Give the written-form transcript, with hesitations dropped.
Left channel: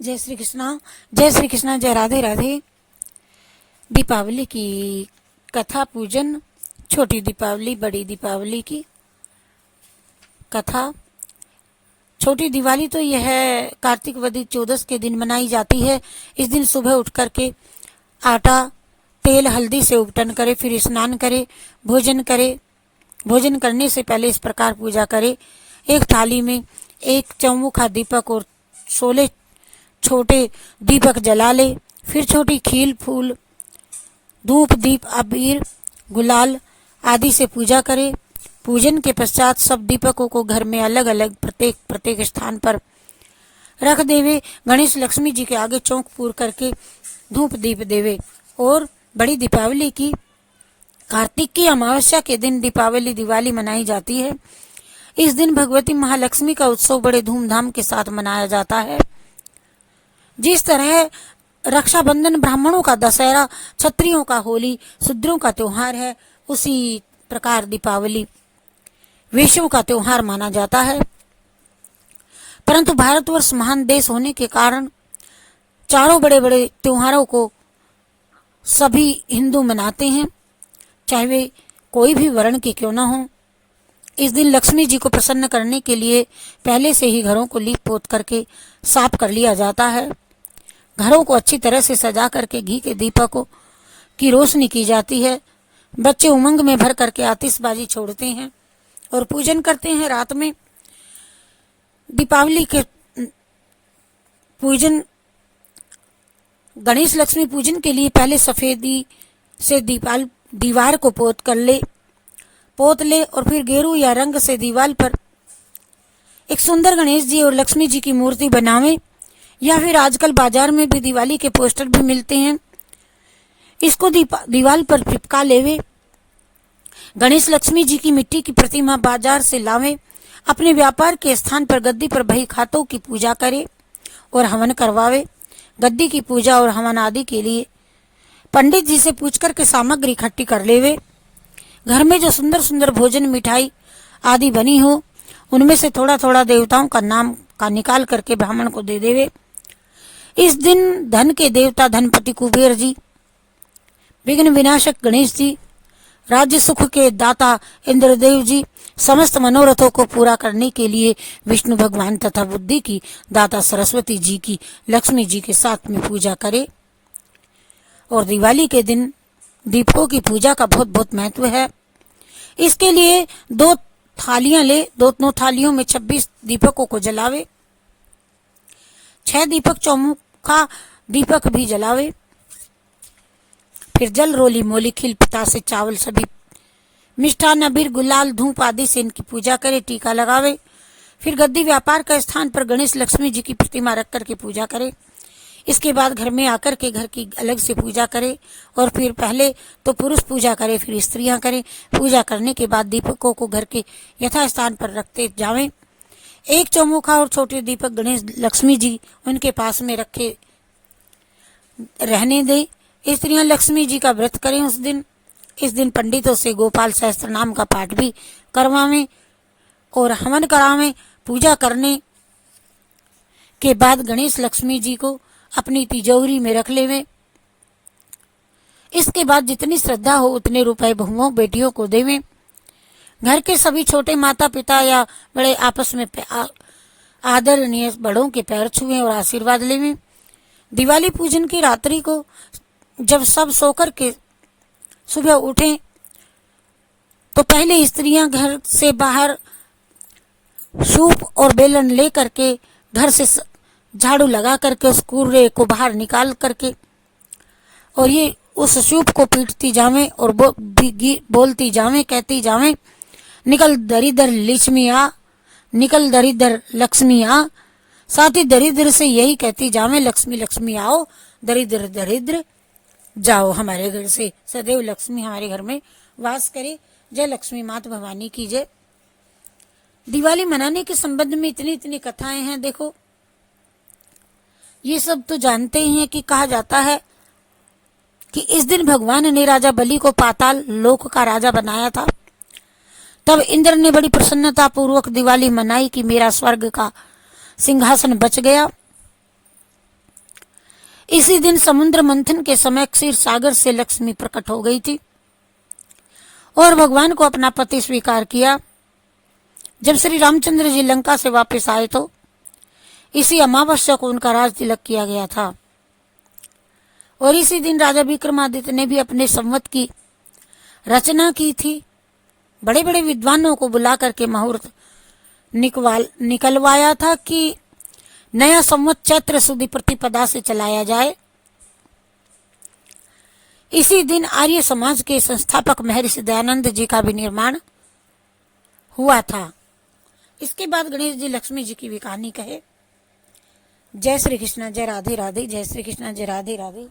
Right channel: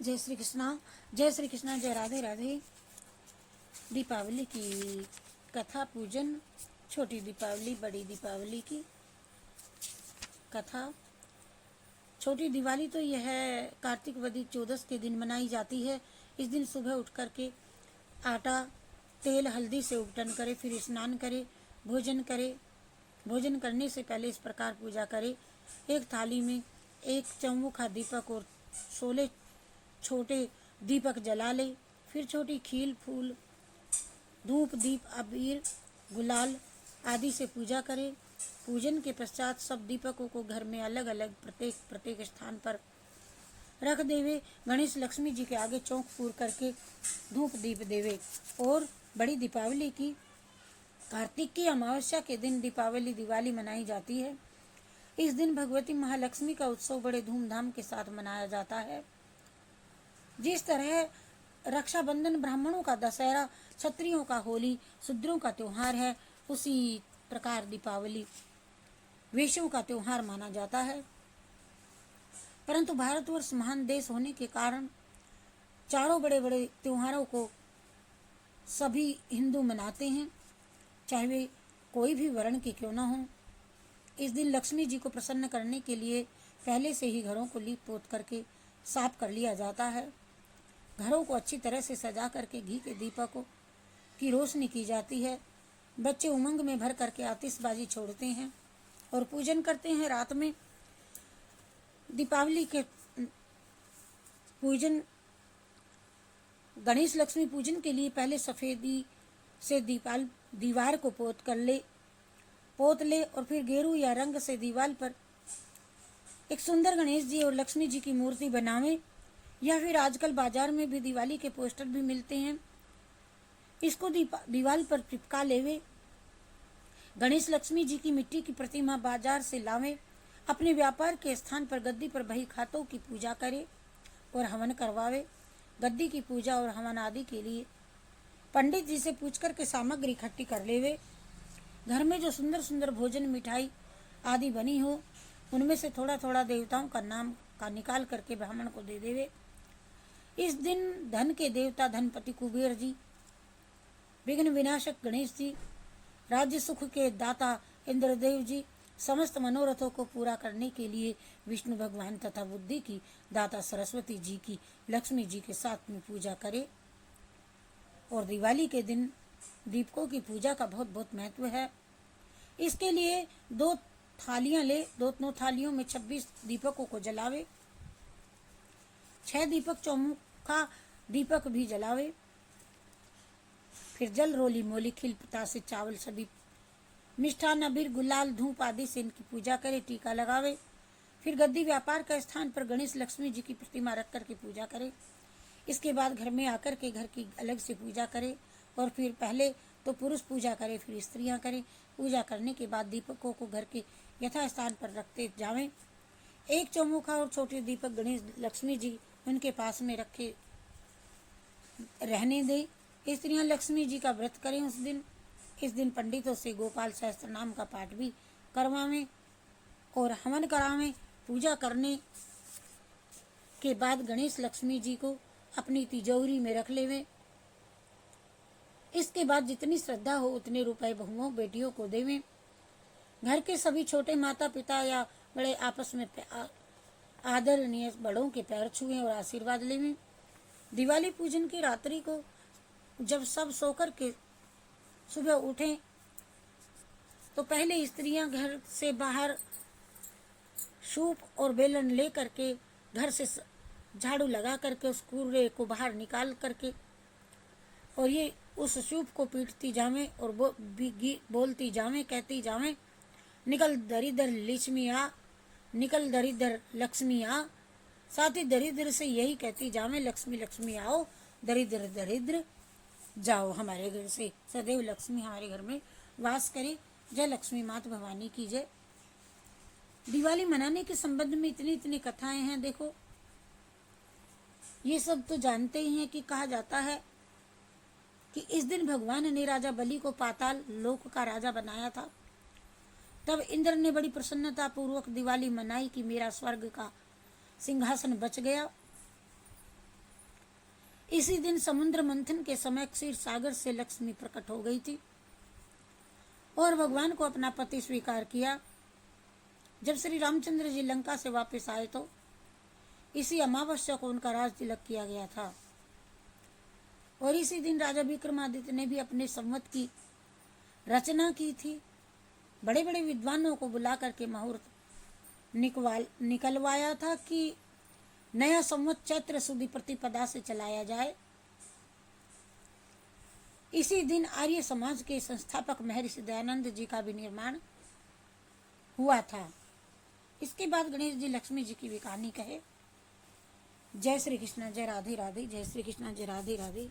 जय श्री कृष्णा। जय श्री कृष्णा। जय राधे राधे। दीपावली की कथा पूजन, छोटी दीपावली बड़ी दीपावली की कथा। छोटी दिवाली तो यह कार्तिक वदी चौदस के दिन मनाई जाती है। इस दिन सुबह उठ करके आटा तेल हल्दी से उपटन करे, फिर स्नान करे, भोजन करे। भोजन करने से पहले इस प्रकार पूजा करे। एक थाली में एक चौमुखा दीपक और 16 छोटे दीपक जला ले। फिर छोटी खील फूल धूप दीप अबीर गुलाल आदि से पूजा करे। पूजन के पश्चात सब दीपकों को घर में अलग अलग प्रत्येक स्थान पर रख देवे। गणेश लक्ष्मी जी के आगे चौक पूर करके धूप दीप देवे। और बड़ी दीपावली की कार्तिक की अमावस्या के दिन दीपावली दिवाली मनाई जाती है। इस दिन भगवती महालक्ष्मी का उत्सव बड़े धूमधाम के साथ मनाया जाता है। जिस तरह रक्षाबंधन ब्राह्मणों का दशहरा, क्षत्रियों का होली, शूद्रों का त्योहार है, उसी प्रकार दीपावली वैश्यों का त्योहार माना जाता है। परंतु भारतवर्ष महान देश होने के कारण चारों बड़े बड़े त्योहारों को सभी हिंदू मनाते हैं, चाहे वे कोई भी वर्ण के क्यों न हो। इस दिन लक्ष्मी जी को प्रसन्न करने के लिए पहले से ही घरों को लीप पोत करके साफ कर लिया जाता है। घरों को अच्छी तरह से सजा करके घी के दीपकों की रोशनी की जाती है। बच्चे उमंग में भर करके आतिशबाजी छोड़ते हैं और पूजन करते हैं। रात में दीपावली के पूजन गणेश लक्ष्मी पूजन के लिए पहले सफेदी से दीवार को पोत ले और फिर गेरू या रंग से दीवार पर एक सुंदर गणेश जी और लक्ष्मी जी की मूर्ति बनावे। या फिर आजकल बाजार में भी दिवाली के पोस्टर भी मिलते हैं, इसको दीवार पर चिपका लेवे। गणेश लक्ष्मी जी की मिट्टी की प्रतिमा बाजार से लावे। अपने व्यापार के स्थान पर गद्दी पर बही खातों की पूजा करे और हवन करवावे। गद्दी की पूजा और हवन आदि के लिए पंडित जी से पूछ कर के सामग्री इकट्ठी कर लेवे। घर में जो सुंदर सुंदर भोजन मिठाई आदि बनी हो, उनमें से थोड़ा थोड़ा देवताओं का नाम का निकाल करके ब्राह्मण को दे देवे। इस दिन धन के देवता धनपति कुबेर जी, विघ्न विनाशक गणेश जी, राज्य सुख के दाता इंद्रदेव जी, समस्त मनोरथों को पूरा करने के लिए विष्णु भगवान तथा बुद्धि की दाता सरस्वती जी की लक्ष्मी जी के साथ में पूजा करे। और दिवाली के दिन दीपों की पूजा का बहुत बहुत महत्व है। इसके लिए 2 थालियां ले, 2 थालियों में 26 दीपकों को जलावे। 6 दीपक चौमुखा दीपक भी जलावे। फिर जल रोली मोली खिल पतासे चावल सभी मिष्ठान अबीर गुलाल धूप आदि से इनकी पूजा करे, टीका लगावे। फिर गद्दी व्यापार का स्थान पर गणेश लक्ष्मी जी की प्रतिमा रख करके पूजा करे। इसके बाद घर में आकर के घर की अलग से पूजा करे। और फिर पहले तो पुरुष पूजा करे, फिर स्त्रियां करें। पूजा करने के बाद दीपकों को घर के यथास्थान पर रखते जावें। एक चौमुखा और छोटे दीपक गणेश लक्ष्मी जी उनके पास में रखे रहने दे। स्त्रियां लक्ष्मी जी का व्रत करें उस दिन। इस दिन पंडितों से गोपाल सहस्त्र नाम का पाठ भी करवावें और हवन करावें। पूजा करने के बाद गणेश लक्ष्मी जी को अपनी तिजोरी में रख लेवे। इसके बाद जितनी श्रद्धा हो उतने रुपए बहुओं बेटियों को देवें। घर के सभी छोटे माता पिता या बड़े आपस में आदरणीय बड़ों के पैर छुएं और आशीर्वाद लेवें। दिवाली पूजन की रात्रि को जब सब सोकर के सुबह उठें तो पहले स्त्रियां घर से बाहर सूप और बेलन ले करके घर से झाड़ू लगा करके उस कूड़े को बाहर निकाल करके और ये उस सूप को पीटती जावें और बोलती जावें, कहती जावें, निकल दरिद्र लक्ष्मी आ, निकल दरिद्र लक्ष्मी आ। साथ ही दरिद्र से यही कहती जावें, लक्ष्मी लक्ष्मी आओ, दरिद्र दरिद्र जाओ। हमारे घर से सदैव लक्ष्मी हमारे घर में वास करे। जय लक्ष्मी माता भवानी की जय। दिवाली मनाने के संबंध में इतनी इतनी कथाएं हैं। देखो, ये सब तो जानते ही हैं कि कहा जाता है कि इस दिन भगवान ने राजा बलि को पाताल लोक का राजा बनाया था। तब इंद्र ने बड़ी प्रसन्नता पूर्वक दिवाली मनाई कि मेरा स्वर्ग का सिंहासन बच गया। इसी दिन समुद्र मंथन के समय क्षीर सागर से लक्ष्मी प्रकट हो गई थी और भगवान को अपना पति स्वीकार किया। जब श्री रामचंद्र जी लंका से वापस आए तो इसी अमावस्या को उनका राज तिलक किया गया था और इसी दिन राजा विक्रमादित्य ने भी अपने संवत की रचना की थी। बड़े बड़े विद्वानों को बुला करके मुहूर्त निकलवाया था कि नया संवत चैत्र सुदी प्रतिपदा से चलाया जाए। इसी दिन आर्य समाज के संस्थापक महर्षि दयानंद जी का भी निर्माण हुआ था। इसके बाद गणेश जी लक्ष्मी जी की भी कहानी कहे। जय श्री कृष्ण, जय राधे राधे, जय श्री कृष्ण, जय राधे राधे।